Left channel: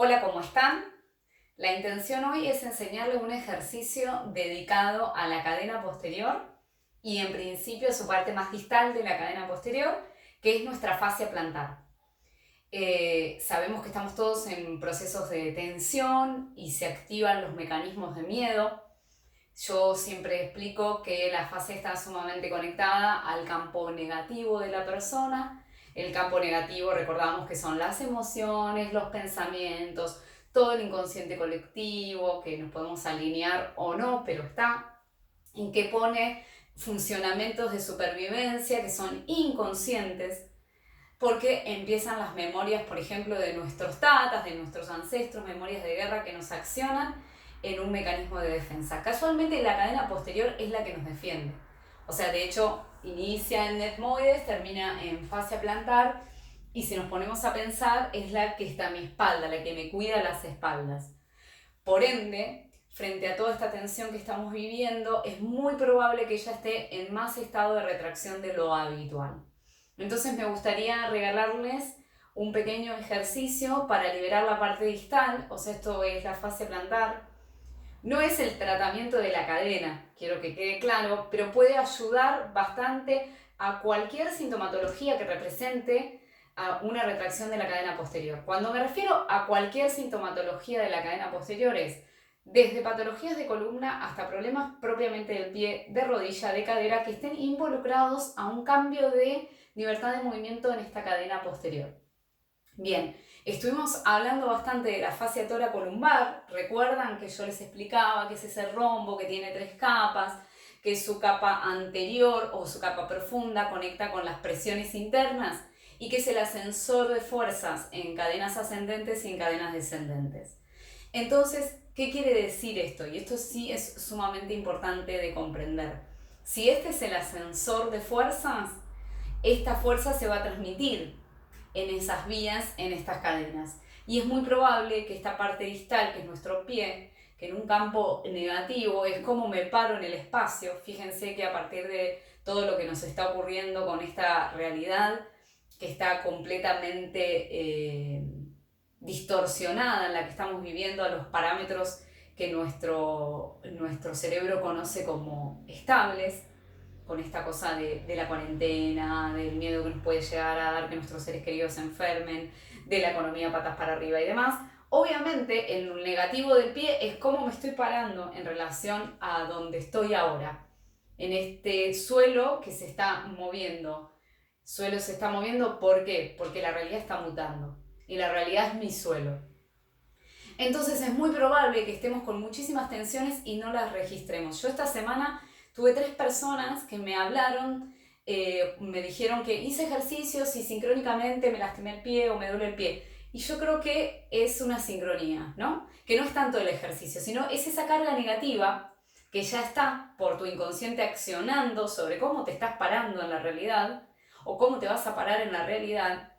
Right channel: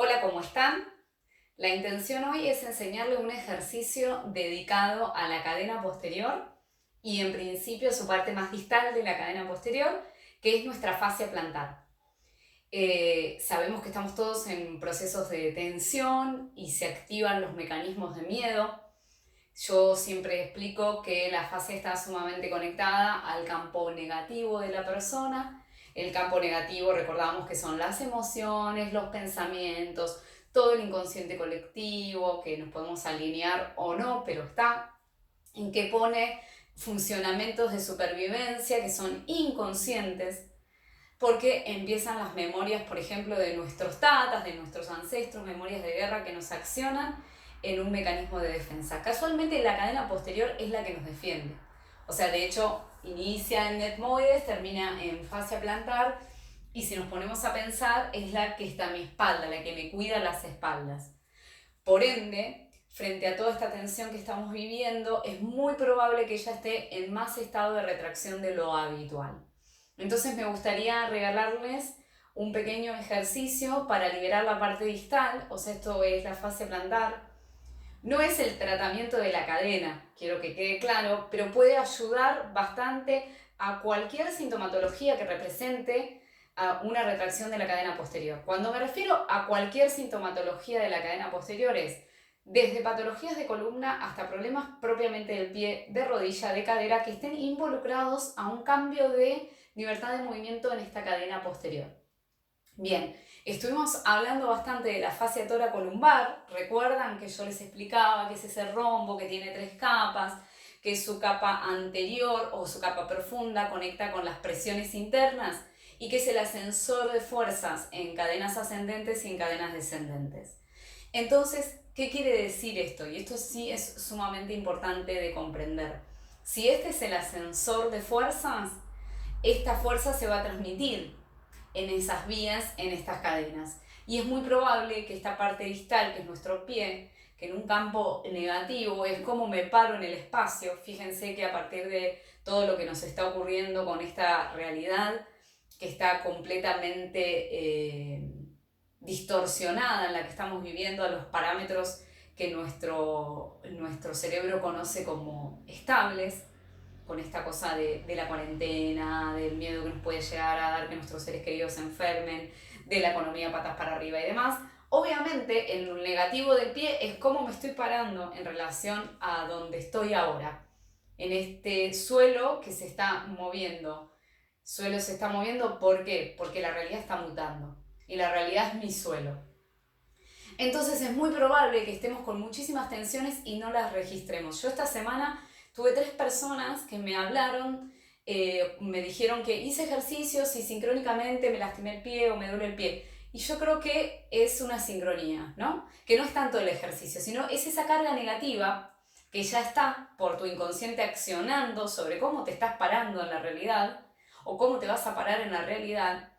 Hola, ¿cómo están? La intención hoy es enseñarle un ejercicio dedicado a la cadena posterior y en principio su parte más distal de la cadena posterior, que es nuestra fascia plantar. Sabemos que estamos todos en procesos de tensión y se activan los mecanismos de miedo. Yo siempre explico que la fascia está sumamente conectada al campo negativo de la persona. El campo negativo, recordamos que son las emociones, los pensamientos, todo el inconsciente colectivo, que nos podemos alinear o no, pero está, en que pone funcionamientos de supervivencia que son inconscientes, porque empiezan las memorias, por ejemplo, de nuestros tatas, de nuestros ancestros, memorias de guerra que nos accionan en un mecanismo de defensa. Casualmente la cadena posterior es la que nos defiende. O sea, de hecho, inicia en etmoides, termina en fascia plantar, y si nos ponemos a pensar, es la que está a mi espalda, la que me cuida las espaldas. Por ende, frente a toda esta tensión que estamos viviendo, es muy probable que ella esté en más estado de retracción de lo habitual. Entonces me gustaría regalarles un pequeño ejercicio para liberar la parte distal, o sea, esto es la fascia plantar. No es el tratamiento de la cadena, quiero que quede claro, pero puede ayudar bastante a cualquier sintomatología que represente a una retracción de la cadena posterior. Cuando me refiero a cualquier sintomatología de la cadena posterior es desde patologías de columna hasta problemas propiamente del pie, de rodilla, de cadera, que estén involucrados a un cambio de libertad de movimiento en esta cadena posterior. Bien, estuvimos hablando bastante de la fascia toracolumbar. Recuerdan que yo les explicaba que es ese rombo que tiene 3 capas, que su capa anterior o su capa profunda conecta con las presiones internas y que es el ascensor de fuerzas en cadenas ascendentes y en cadenas descendentes. Entonces, ¿qué quiere decir esto? Y esto sí es sumamente importante de comprender. Si este es el ascensor de fuerzas, esta fuerza se va a transmitir en esas vías, en estas cadenas. Y es muy probable que esta parte distal, que es nuestro pie, que en un campo negativo es como me paro en el espacio. Fíjense que a partir de todo lo que nos está ocurriendo con esta realidad, que está completamente distorsionada, en la que estamos viviendo a los parámetros que nuestro cerebro conoce como estables, con esta cosa de la cuarentena, del miedo que nos puede llegar a dar que nuestros seres queridos se enfermen, de la economía patas para arriba y demás. Obviamente, el negativo del pie es cómo me estoy parando en relación a donde estoy ahora, en este suelo que se está moviendo. Suelo se está moviendo, ¿por qué? Porque la realidad está mutando y la realidad es mi suelo. Entonces es muy probable que estemos con muchísimas tensiones y no las registremos. Yo esta semana tuve 3 personas que me hablaron, me dijeron que hice ejercicios y sincrónicamente me lastimé el pie o me duele el pie. Y yo creo que es una sincronía, ¿no? Que no es tanto el ejercicio, sino es esa carga negativa que ya está por tu inconsciente accionando sobre cómo te estás parando en la realidad o cómo te vas a parar en la realidad,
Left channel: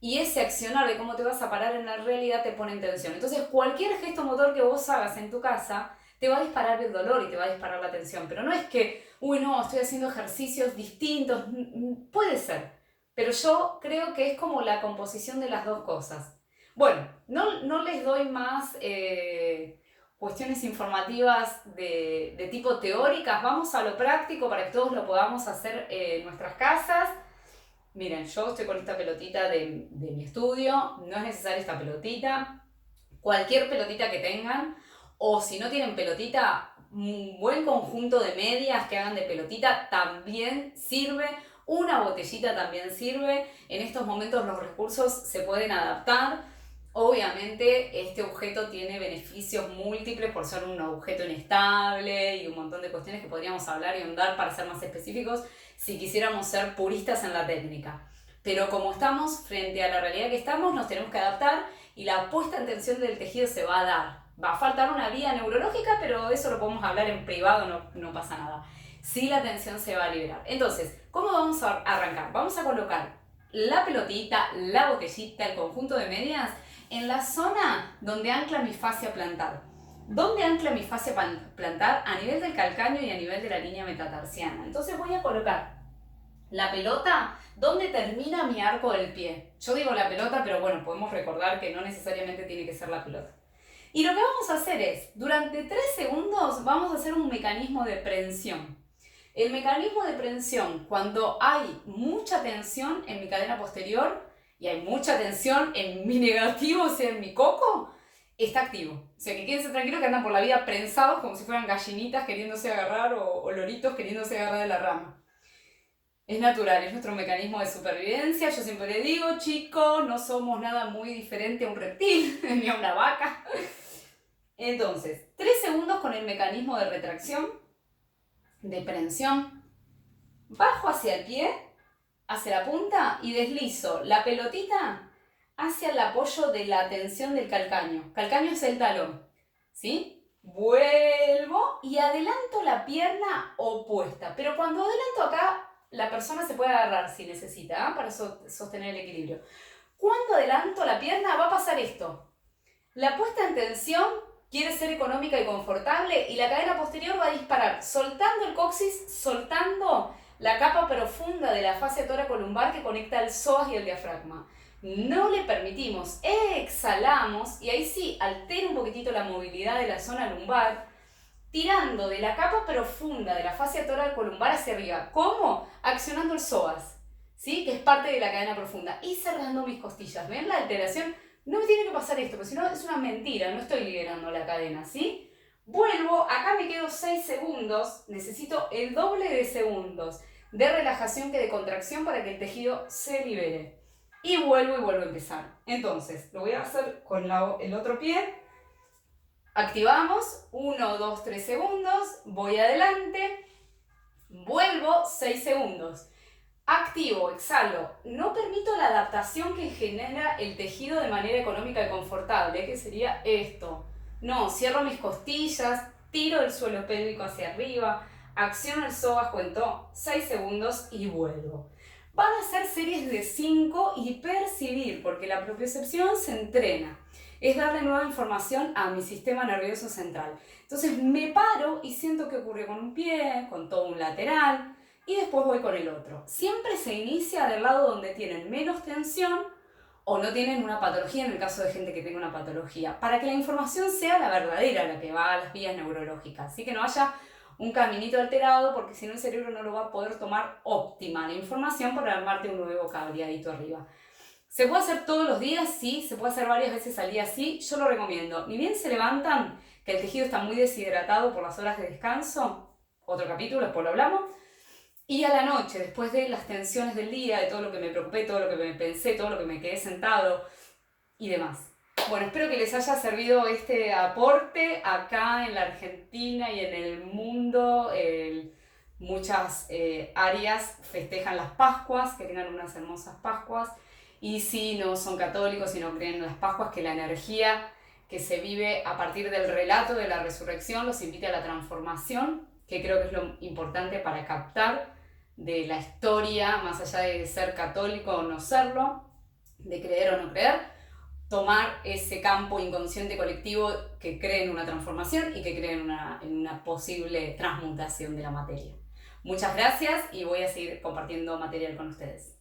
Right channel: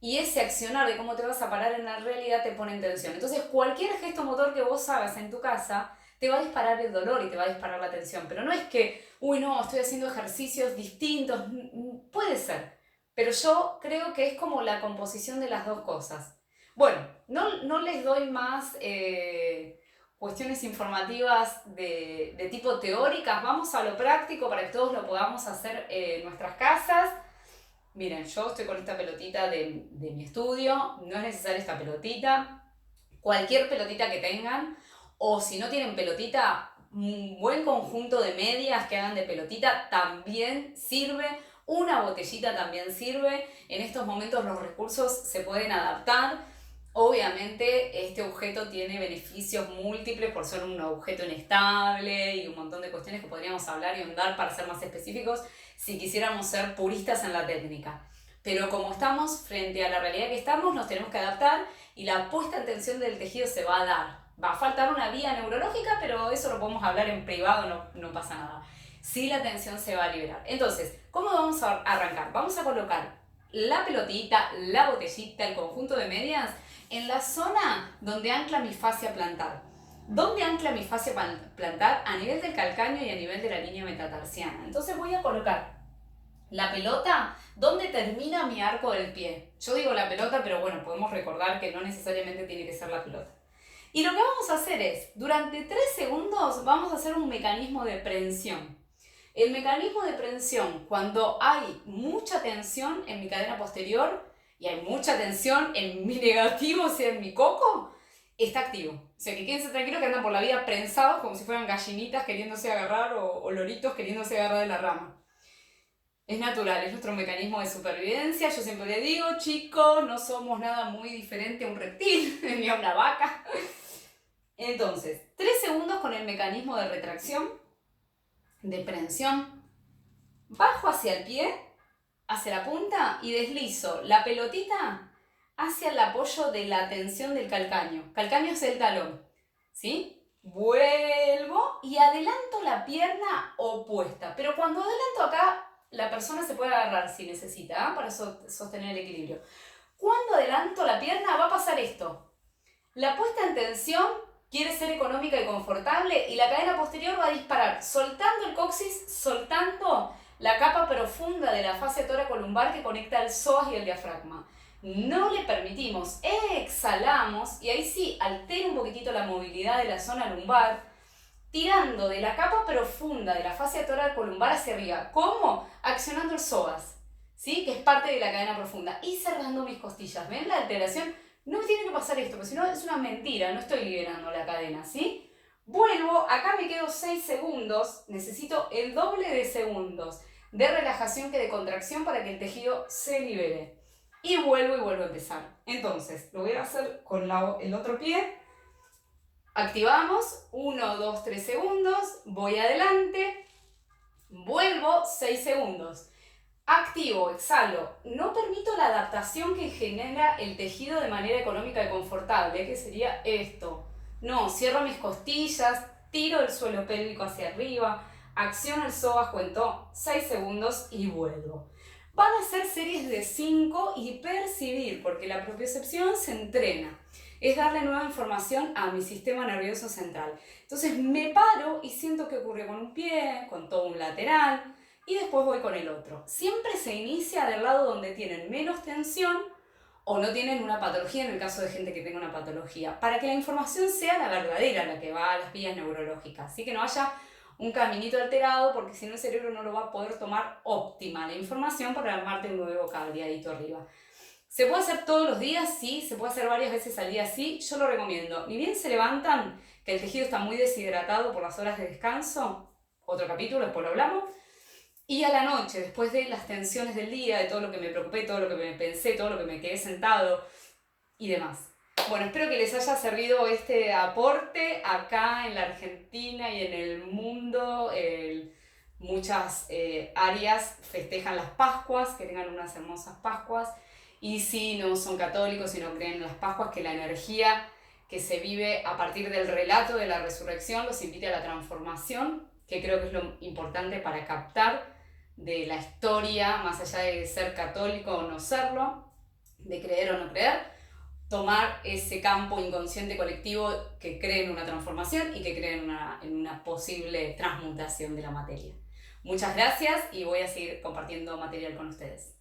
y ese accionar de cómo te vas a parar en la realidad te pone en tensión. Entonces, cualquier gesto motor que vos hagas en tu casa te va a disparar el dolor y te va a disparar la tensión. Pero no es que, uy, no, estoy haciendo ejercicios distintos. Puede ser. Pero yo creo que es como la composición de las dos cosas. Bueno, no les doy más cuestiones informativas de tipo teóricas. Vamos a lo práctico para que todos lo podamos hacer en nuestras casas. Miren, yo estoy con esta pelotita de mi estudio, no es necesaria esta pelotita, cualquier pelotita que tengan, o si no tienen pelotita, un buen conjunto de medias que hagan de pelotita también sirve, una botellita también sirve. En estos momentos los recursos se pueden adaptar. Obviamente este objeto tiene beneficios múltiples por ser un objeto inestable y un montón de cuestiones que podríamos hablar y ahondar para ser más específicos si quisiéramos ser puristas en la técnica. Pero como estamos frente a la realidad que estamos, nos tenemos que adaptar y la puesta en tensión del tejido se va a dar. Va a faltar una vía neurológica, pero eso lo podemos hablar en privado, no pasa nada. Sí, la tensión se va a liberar. Entonces, ¿cómo vamos a arrancar? Vamos a colocar la pelotita, la botellita, el conjunto de medias en la zona donde ancla mi fascia plantar. ¿Dónde ancla mi fascia plantar? A nivel del calcáneo y a nivel de la línea metatarsiana. Entonces voy a colocar La pelota, ¿dónde termina mi arco del pie? Yo digo la pelota, pero bueno, podemos recordar que no necesariamente tiene que ser la pelota. Y lo que vamos a hacer es, durante 3 segundos vamos a hacer un mecanismo de prensión. El mecanismo de prensión, cuando hay mucha tensión en mi cadena posterior y hay mucha tensión en mi negativo, o sea, en mi coco, está activo. O sea, que quédense tranquilos que andan por la vida prensados como si fueran gallinitas queriéndose agarrar o loritos queriéndose agarrar de la rama. Es natural, es nuestro mecanismo de supervivencia. Yo siempre le digo, chicos, no somos nada muy diferente a un reptil ni a una vaca. Entonces, 3 segundos con el mecanismo de retracción, de prensión. Bajo hacia el pie, hacia la punta y deslizo la pelotita hacia el apoyo de la tensión del calcáneo. Calcáneo es el talón, ¿sí? Vuelvo y adelanto la pierna opuesta. Pero cuando adelanto acá, la persona se puede agarrar si necesita, ¿eh? Para sostener el equilibrio. Cuando adelanto la pierna va a pasar esto. La puesta en tensión quiere ser económica y confortable y la cadena posterior va a disparar soltando el coxis, soltando la capa profunda de la fascia toracolumbar que conecta el psoas y el diafragma. No le permitimos, exhalamos y ahí sí altera un poquitito la movilidad de la zona lumbar, tirando de la capa profunda de la fascia toracolumbar hacia arriba. ¿Cómo? Accionando el psoas, ¿sí? Que es parte de la cadena profunda. Y cerrando mis costillas. ¿Ven la alteración? No me tiene que pasar esto, porque si no es una mentira, no estoy liberando la cadena, ¿sí? Vuelvo, acá me quedo 6 segundos, necesito el doble de segundos de relajación que de contracción para que el tejido se libere. Y vuelvo a empezar. Entonces, lo voy a hacer con el otro pie. Activamos, 1, 2, 3 segundos, voy adelante, vuelvo 6 segundos. Activo, exhalo, no permito la adaptación que genera el tejido de manera económica y confortable, que sería esto. No, cierro mis costillas, tiro el suelo pélvico hacia arriba, acciono el psoas, cuento 6 segundos y vuelvo. Van a ser series de 5 y percibir, porque la propiocepción se entrena. Es darle nueva información a mi sistema nervioso central. Entonces me paro y siento que ocurre con un pie, con todo un lateral, y después voy con el otro. Siempre se inicia del lado donde tienen menos tensión o no tienen una patología, en el caso de gente que tenga una patología, para que la información sea la verdadera, la que va a las vías neurológicas. Así que no haya un caminito alterado, porque si no el cerebro no lo va a poder tomar óptima la información para armarte un nuevo cableadito arriba. ¿Se puede hacer todos los días? Sí. ¿Se puede hacer varias veces al día? Sí. Yo lo recomiendo. Ni bien se levantan, que el tejido está muy deshidratado por las horas de descanso, otro capítulo, después lo hablamos, y a la noche, después de las tensiones del día, de todo lo que me preocupé, todo lo que me pensé, todo lo que me quedé sentado y demás. Bueno, espero que les haya servido este aporte acá en la Argentina y en el mundo. Muchas áreas festejan las Pascuas, que tengan unas hermosas Pascuas. Y si no son católicos y no creen en las Pascuas, que la energía que se vive a partir del relato de la resurrección los invite a la transformación, que creo que es lo importante para captar de la historia, más allá de ser católico o no serlo, de creer o no creer, tomar ese campo inconsciente colectivo que cree en una transformación y que cree en una posible transmutación de la materia. Muchas gracias y voy a seguir compartiendo material con ustedes.